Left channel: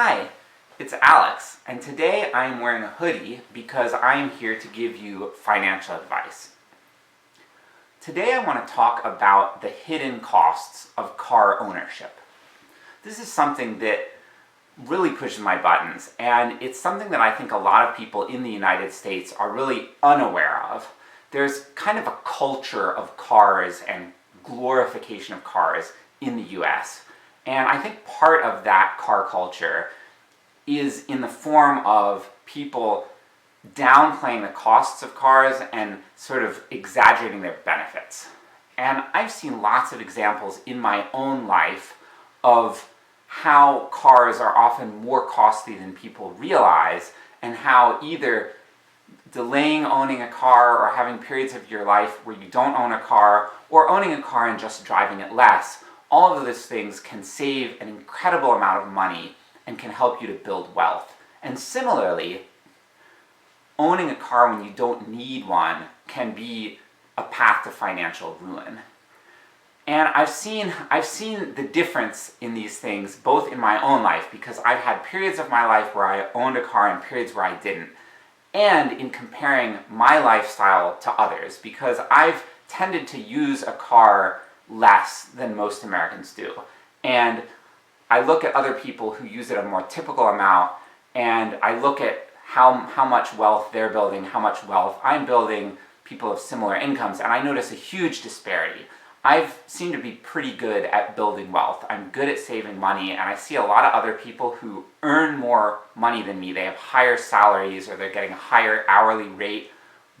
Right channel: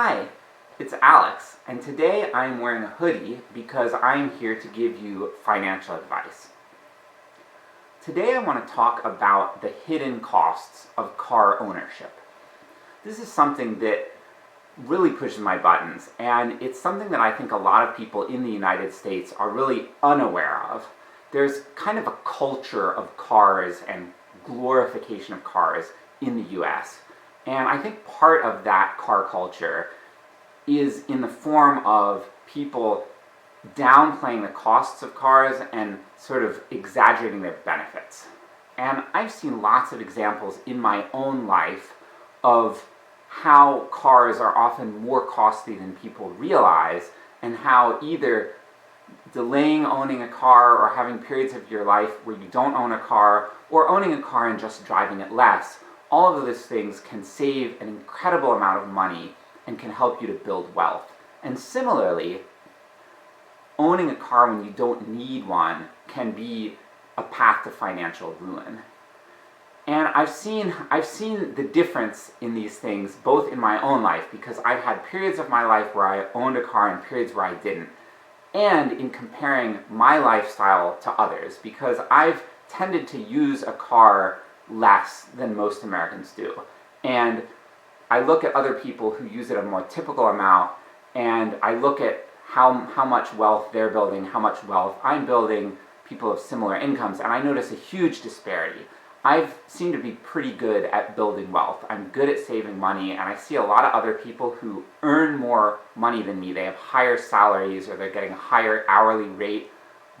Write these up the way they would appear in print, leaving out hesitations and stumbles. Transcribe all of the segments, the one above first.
Hi, it's Alex, and today I'm wearing a hoodie because I'm here to give you financial advice. Today I want to talk about the hidden costs of car ownership. This is something that really pushes my buttons, and it's something that I think a lot of people in the United States are really unaware of. There's kind of a culture of cars and glorification of cars in the US. And I think part of that car culture is in the form of people downplaying the costs of cars and sort of exaggerating their benefits. And I've seen lots of examples in my own life of how cars are often more costly than people realize, and how either delaying owning a car or having periods of your life where you don't own a car, or owning a car and just driving it less, all of those things can save an incredible amount of money and can help you to build wealth. And similarly, owning a car when you don't need one can be a path to financial ruin. And I've seen the difference in these things both in my own life, because I've had periods of my life where I owned a car and periods where I didn't, and in comparing my lifestyle to others, because I've tended to use a car less than most Americans do. And I look at other people who use it a more typical amount, and I look at how much wealth they're building, how much wealth I'm building, people of similar incomes, and I notice a huge disparity. I've seemed to be pretty good at building wealth. I'm good at saving money, and I see a lot of other people who earn more money than me. They have higher salaries, or they're getting a higher hourly rate,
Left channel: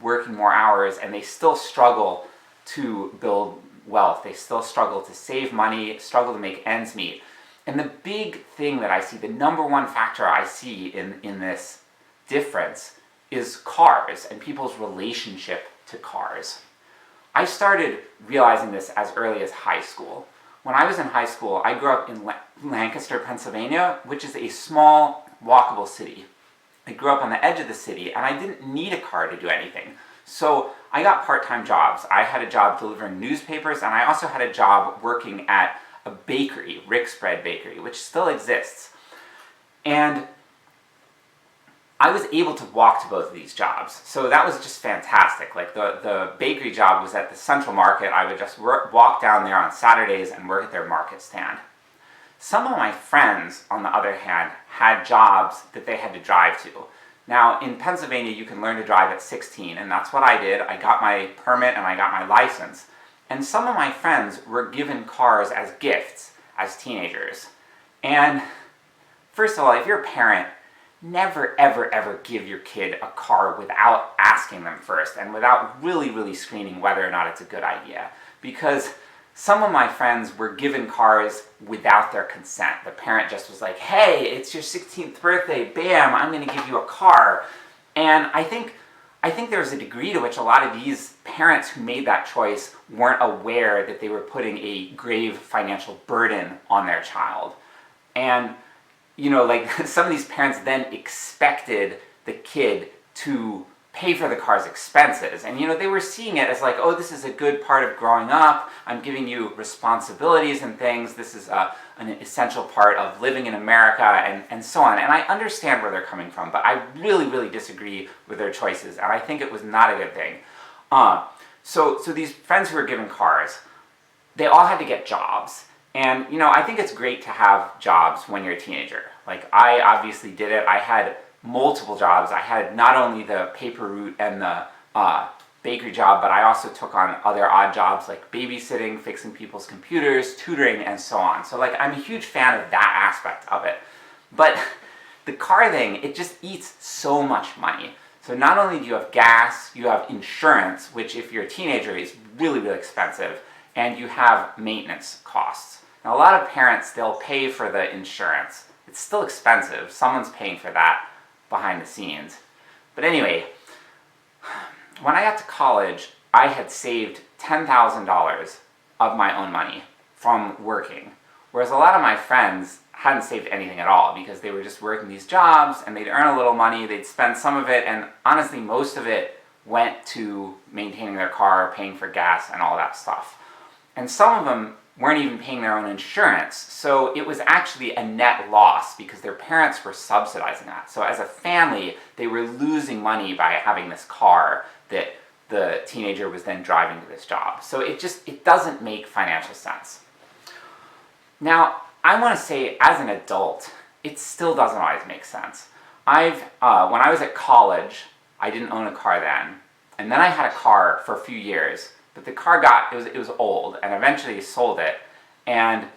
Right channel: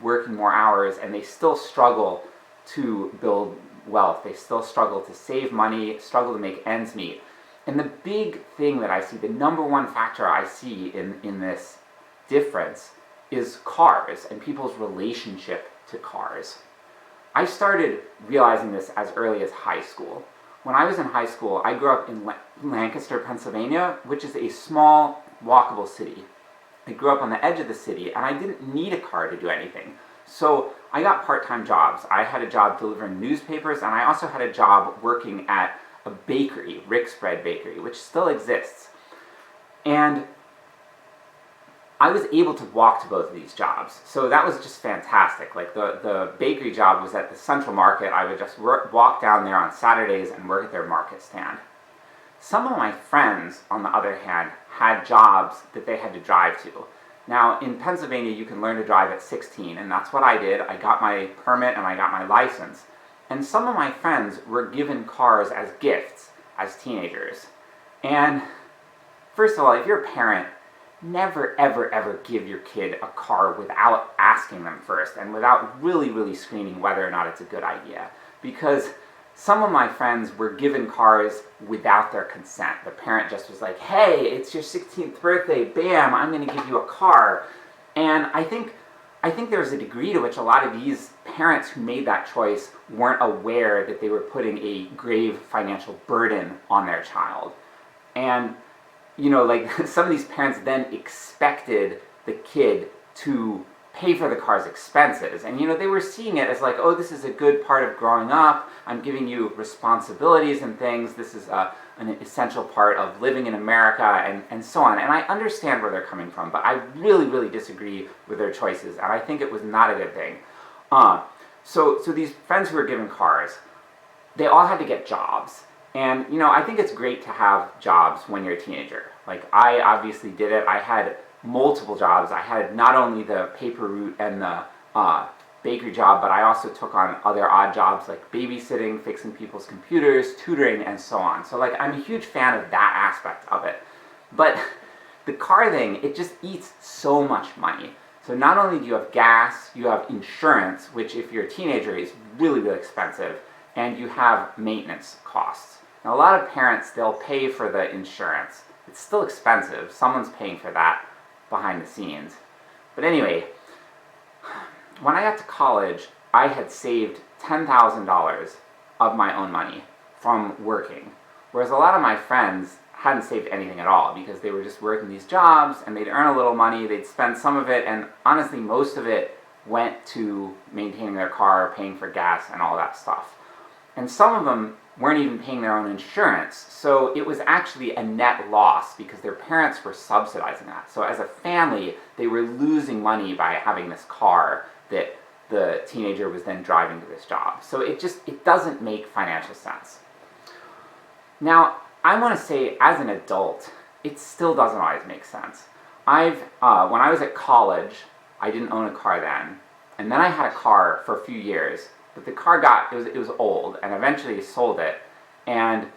working more hours, and they still struggle to build wealth. They still struggle to save money, struggle to make ends meet. And the big thing that I see, the number one factor I see in this difference, is cars and people's relationship to cars. I started realizing this as early as high school. When I was in high school, I grew up in Lancaster, Pennsylvania, which is a small, walkable city. I grew up on the edge of the city, and I didn't need a car to do anything. So I got part-time jobs. I had a job delivering newspapers, and I also had a job working at a bakery, Rick's Bread Bakery, which still exists. And I was able to walk to both of these jobs, so that was just fantastic. Like the bakery job was at the Central Market. I would just walk down there on Saturdays and work at their market stand. Some of my friends, on the other hand, had jobs that they had to drive to. Now, in Pennsylvania, you can learn to drive at 16, and that's what I did. I got my permit and I got my license. And some of my friends were given cars as gifts as teenagers. And first of all, if you're a parent, never ever ever give your kid a car without asking them first, and without really screening whether or not it's a good idea. Because some of my friends were given cars without their consent. The parent just was like, hey, it's your 16th birthday, bam, I'm going to give you a car. And I think there's a degree to which a lot of these parents who made that choice weren't aware that they were putting a grave financial burden on their child. And, you know, like, some of these parents then expected the kid to pay for the car's expenses. And, you know, they were seeing it as like, oh, this is a good part of growing up. I'm giving you responsibilities and things. This is an essential part of living in America, and so on. And I understand where they're coming from, but I really disagree with their choices, and I think it was not a good thing. So these friends who were given cars, they all had to get jobs. And, you know, I think it's great to have jobs when you're a teenager. Like, I obviously did it. I had multiple jobs. I had not only the paper route and the bakery job, but I also took on other odd jobs like babysitting, fixing people's computers, tutoring, and so on. So, like, I'm a huge fan of that aspect of it. But the car thing, it just eats so much money. So not only do you have gas, you have insurance, which if you're a teenager is really expensive, and you have maintenance costs. Now, a lot of parents, they'll pay for the insurance. It's still expensive. Someone's paying for that behind the scenes. But anyway, when I got to college, I had saved $10,000 of my own money from working, whereas a lot of my friends hadn't saved anything at all, because they were just working these jobs, and they'd earn a little money, they'd spend some of it, and honestly most of it went to maintaining their car, paying for gas, and all that stuff. And some of them weren't even paying their own insurance. So it was actually a net loss because their parents were subsidizing that. So as a family, they were losing money by having this car that the teenager was then driving to this job. So it doesn't make financial sense. Now, I want to say, as an adult, it still doesn't always make sense. When I was at college, I didn't own a car then, and then I had a car for a few years, but the car it was old, and eventually sold it, and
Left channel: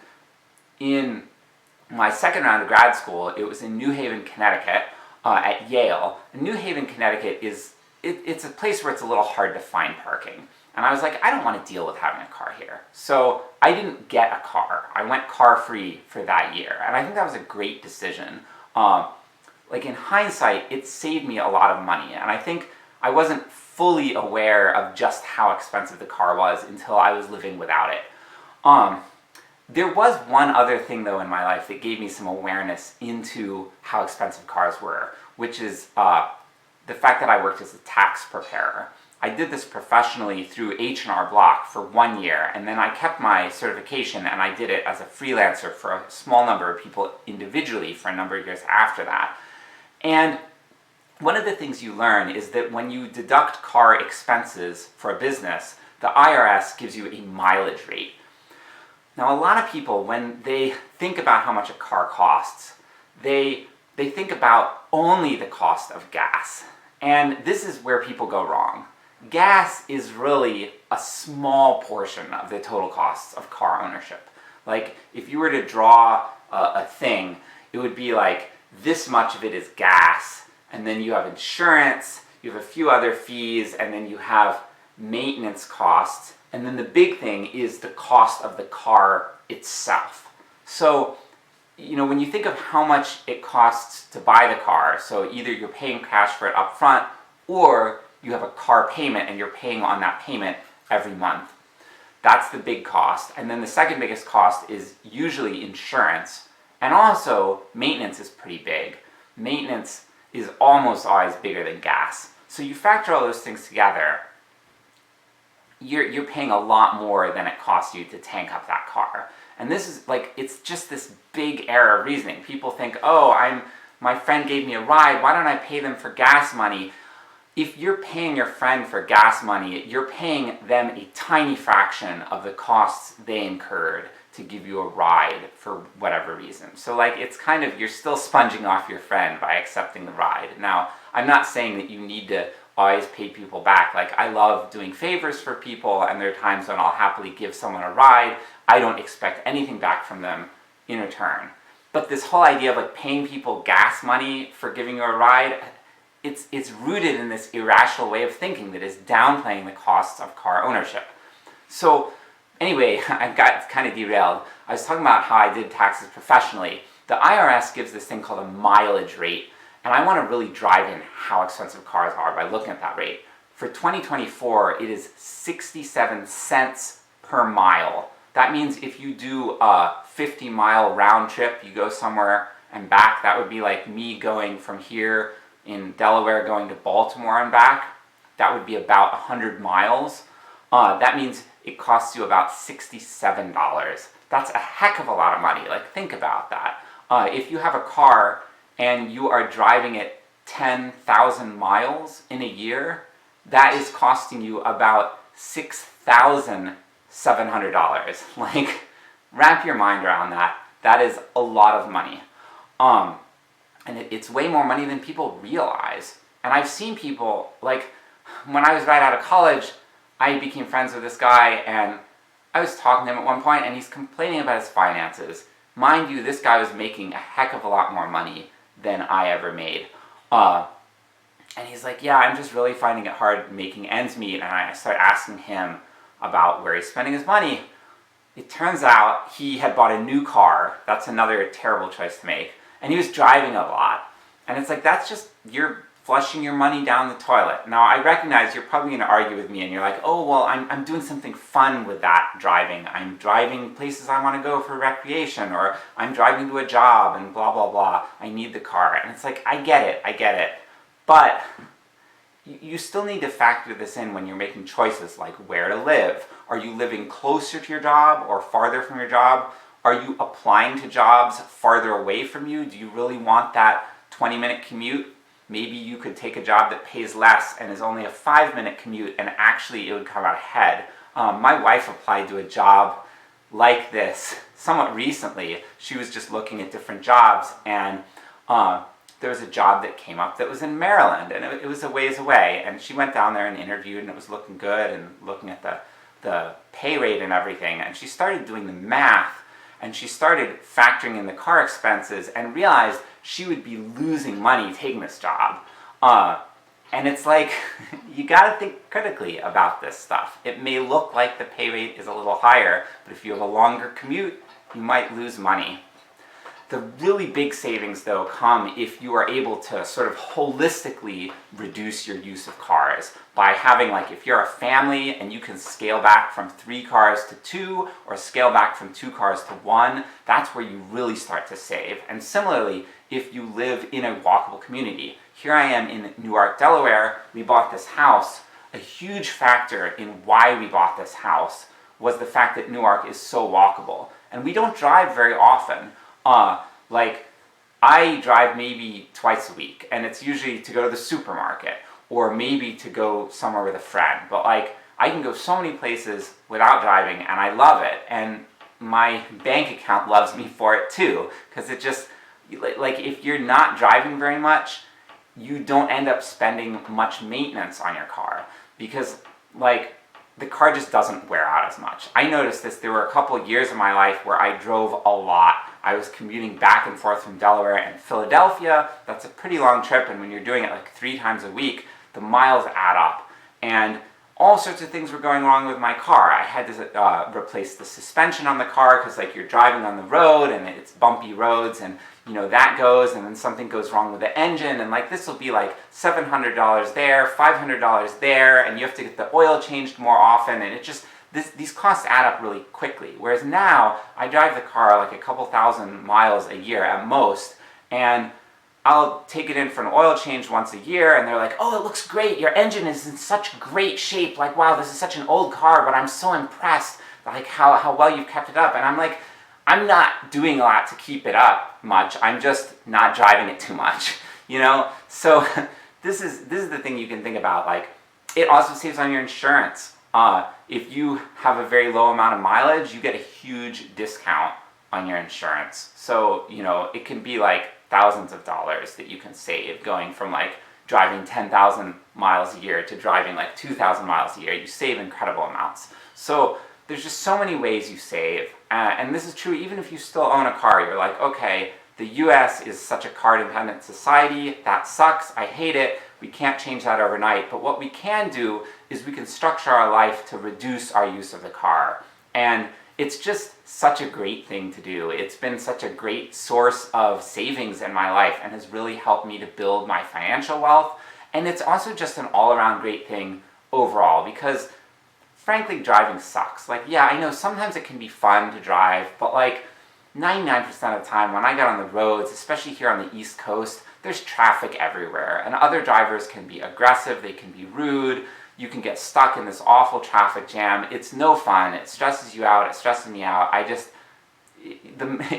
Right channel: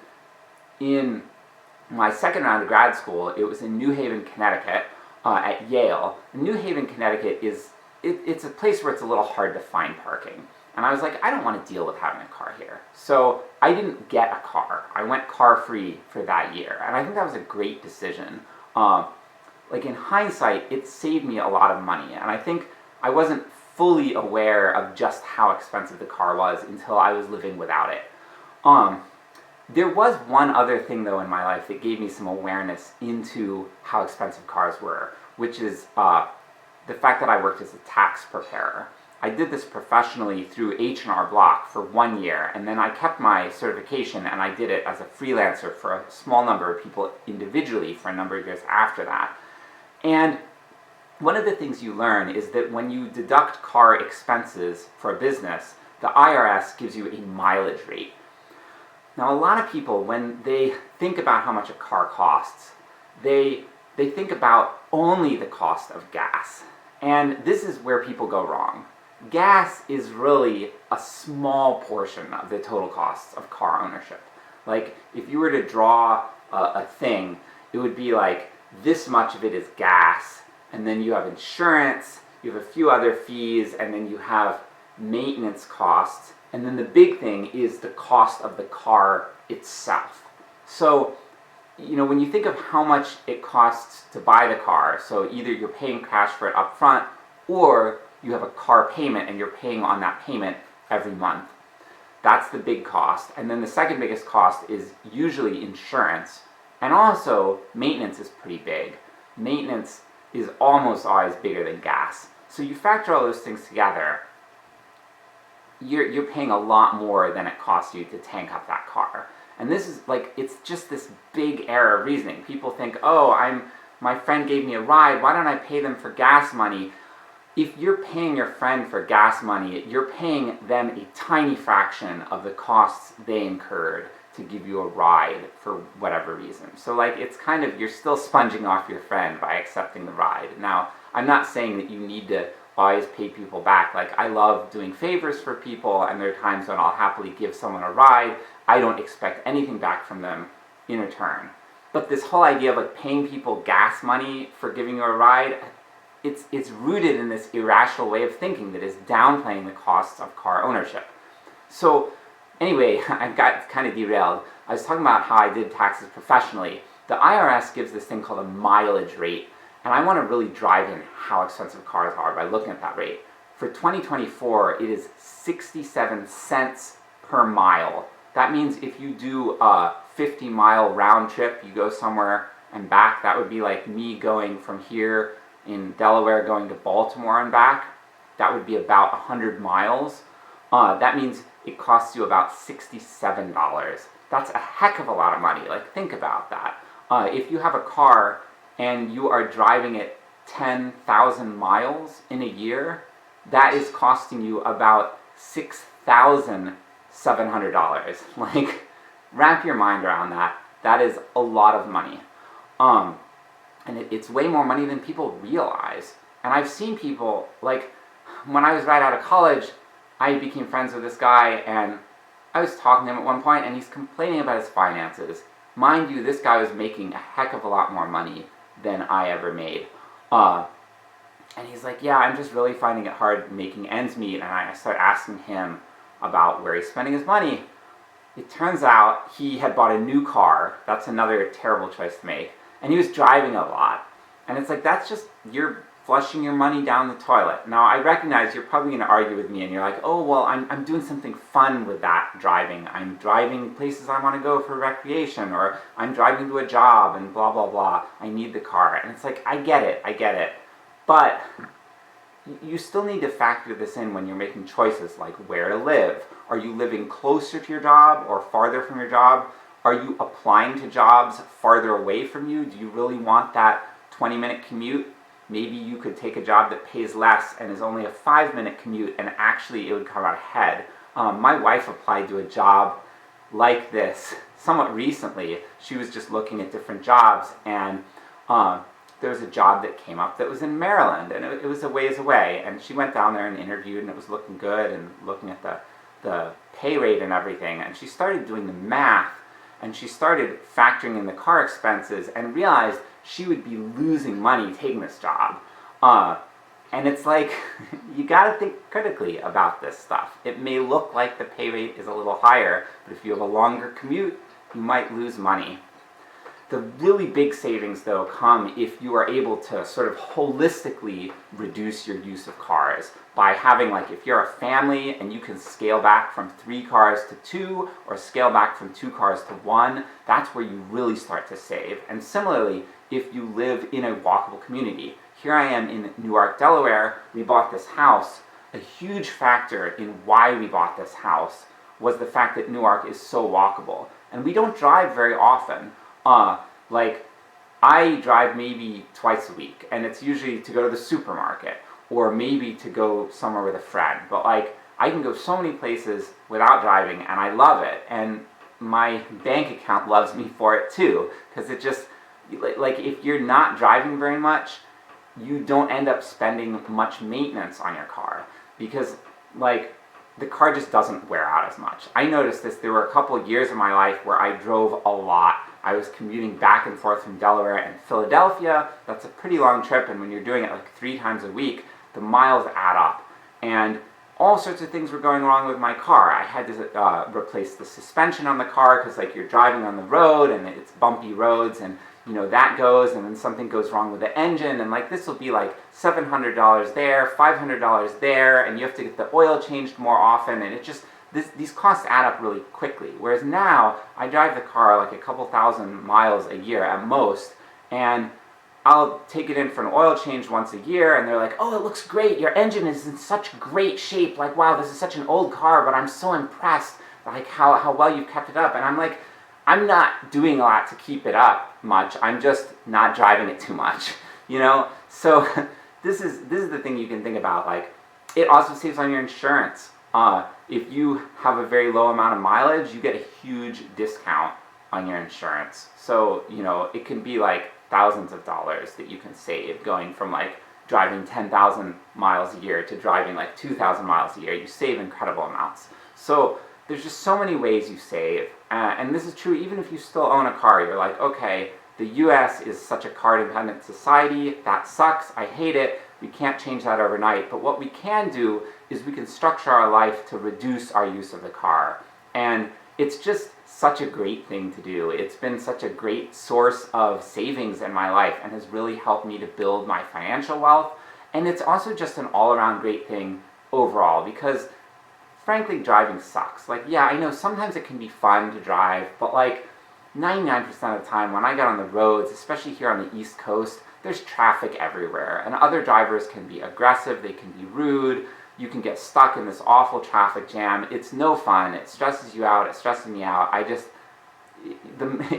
in my second round of grad school, it was in New Haven, Connecticut, at Yale. And New Haven, Connecticut it's a place where it's a little hard to find parking. And I was like, I don't want to deal with having a car here. So I didn't get a car. I went car-free for that year. And I think that was a great decision. Like in hindsight, it saved me a lot of money. And I think I wasn't fully aware of just how expensive the car was until I was living without it. There was one other thing though in my life that gave me some awareness into how expensive cars were, which is the fact that I worked as a tax preparer. I did this professionally through H&R Block for 1 year, and then I kept my certification and I did it as a freelancer for a small number of people individually for a number of years after that. And one of the things you learn is that when you deduct car expenses for a business, the IRS gives you a mileage rate. Now, a lot of people, when they think about how much a car costs, they think about only the cost of gas. And this is where people go wrong. Gas is really a small portion of the total costs of car ownership. Like, if you were to draw a thing, it would be like, this much of it is gas, and then you have insurance, you have a few other fees, and then you have maintenance costs, and then the big thing is the cost of the car itself. So, when you think of how much it costs to buy the car, so either you're paying cash for it up front, or you have a car payment and you're paying on that payment every month. That's the big cost. And then the second biggest cost is usually insurance. And also, maintenance is pretty big. Maintenance is almost always bigger than gas. So you factor all those things together, you're paying a lot more than it costs you to tank up that car. And this is it's just this big error of reasoning. People think, oh, my friend gave me a ride, why don't I pay them for gas money? If you're paying your friend for gas money, you're paying them a tiny fraction of the costs they incurred to give you a ride for whatever reason. So it's kind of, you're still sponging off your friend by accepting the ride. Now, I'm not saying that you need to always pay people back. I love doing favors for people, and there are times when I'll happily give someone a ride. I don't expect anything back from them in return. But this whole idea of paying people gas money for giving you a ride, it's rooted in this irrational way of thinking that is downplaying the costs of car ownership. So anyway, I got kind of derailed. I was talking about how I did taxes professionally. The IRS gives this thing called a mileage rate, and I want to really drive in how expensive cars are by looking at that rate. For 2024, it is 67 cents per mile. That means if you do a 50-mile round trip, you go somewhere and back, that would be like me going from here in Delaware going to Baltimore and back. That would be about 100 miles. That means it costs you about $67. That's a heck of a lot of money. Think about that. If you have a car and you are driving it 10,000 miles in a year, that is costing you about $6,700. Wrap your mind around that. That is a lot of money. And it's way more money than people realize. And I've seen people, when I was right out of college, I became friends with this guy, and I was talking to him at one point, and he's complaining about his finances. Mind you, this guy was making a heck of a lot more money than I ever made. And he's like, yeah, I'm just really finding it hard making ends meet. And I start asking him about where he's spending his money. It turns out he had bought a new car. That's another terrible choice to make. And he was driving a lot. And it's that's just, you're flushing your money down the toilet. Now, I recognize you're probably going to argue with me, and you're like, oh, well, I'm doing something fun with that driving. I'm driving places I want to go for recreation, or I'm driving to a job, and blah, blah, blah. I need the car. And it's I get it. But you still need to factor this in when you're making choices like where to live. Are you living closer to your job or farther from your job? Are you applying to jobs farther away from you? Do you really want that 20-minute commute? Maybe you could take a job that pays less and is only a 5-minute commute, and actually it would come out ahead. My wife applied to a job like this somewhat recently. She was just looking at different jobs, and there was a job that came up that was in Maryland, and it was a ways away, and she went down there and interviewed, and it was looking good, and looking at the pay rate and everything, and she started doing the math, and she started factoring in the car expenses and realized she would be losing money taking this job. And it's like, you gotta think critically about this stuff. It may look like the pay rate is a little higher, but if you have a longer commute, you might lose money. The really big savings, though, come if you are able to sort of holistically reduce your use of cars by having, like, if you're a family and you can scale back from 3 cars to 2 or scale back from 2 cars to 1, that's where you really start to save. And similarly, if you live in a walkable community. Here I am in Newark, Delaware. We bought this house. A huge factor in why we bought this house was the fact that Newark is so walkable. And we don't drive very often. Like, I drive maybe twice a week, and it's usually to go to the supermarket, or maybe to go somewhere with a friend. But like, I can go so many places without driving, and I love it. And my bank account loves me for it too, because it just, like, if you're not driving very much, you don't end up spending much maintenance on your car, because, like, the car just doesn't wear out as much. I noticed this. There were a couple of years of my life where I drove a lot. I was commuting back and forth from Delaware and Philadelphia. That's a pretty long trip, and when you're doing it like 3 times a week, the miles add up. And all sorts of things were going wrong with my car. I had to replace the suspension on the car, because, like, you're driving on the road and it's bumpy roads, and you know that goes, and then something goes wrong with the engine, and like this will be like $700 there, $500 there, and you have to get the oil changed more often, and it just, these costs add up really quickly. Whereas now, I drive the car like a couple thousand miles a year at most, and I'll take it in for an oil change once a year, and they're like, oh, it looks great, your engine is in such great shape, like, wow, this is such an old car, but I'm so impressed, like, how well you've kept it up. And I'm like, I'm not doing a lot to keep it up much, I'm just not driving it too much, you know? So this is the thing you can think about. Like, it also saves on your insurance. If you have a very low amount of mileage, you get a huge discount on your insurance. So, you know, it can be like thousands of dollars that you can save going from like driving 10,000 miles a year to driving like 2,000 miles a year. You save incredible amounts. So there's just so many ways you save, and this is true even if you still own a car. You're like, okay, the US is such a car-dependent society, that sucks, I hate it, we can't change that overnight, but what we can do is we can structure our life to reduce our use of the car. And it's just such a great thing to do. It's been such a great source of savings in my life and has really helped me to build my financial wealth. And it's also just an all-around great thing overall, because frankly, driving sucks. Like, yeah, I know sometimes it can be fun to drive, but like 99% of the time when I get on the roads, especially here on the East Coast, there's traffic everywhere, and other drivers can be aggressive, they can be rude, you can get stuck in this awful traffic jam. It's no fun, it stresses you out, it stresses me out.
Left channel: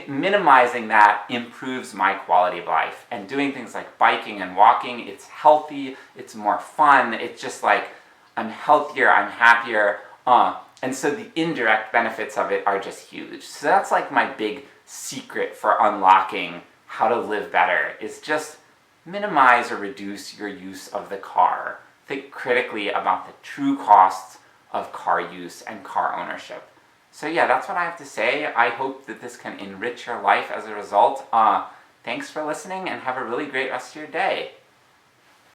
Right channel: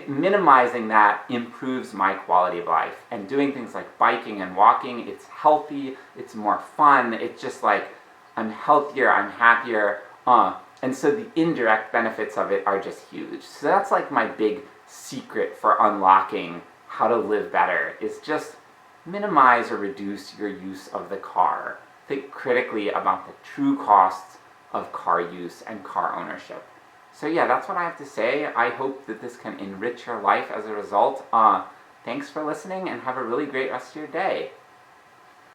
Minimizing that improves my quality of life, and doing things like biking and walking, it's healthy, it's more fun, it's just like, I'm healthier, I'm happier, and so the indirect benefits of it are just huge. So that's like my big secret for unlocking how to live better, is just minimize or reduce your use of the car. Think critically about the true costs of car use and car ownership. So yeah, that's what I have to say. I hope that this can enrich your life as a result. Thanks for listening, and have a really great rest of your day.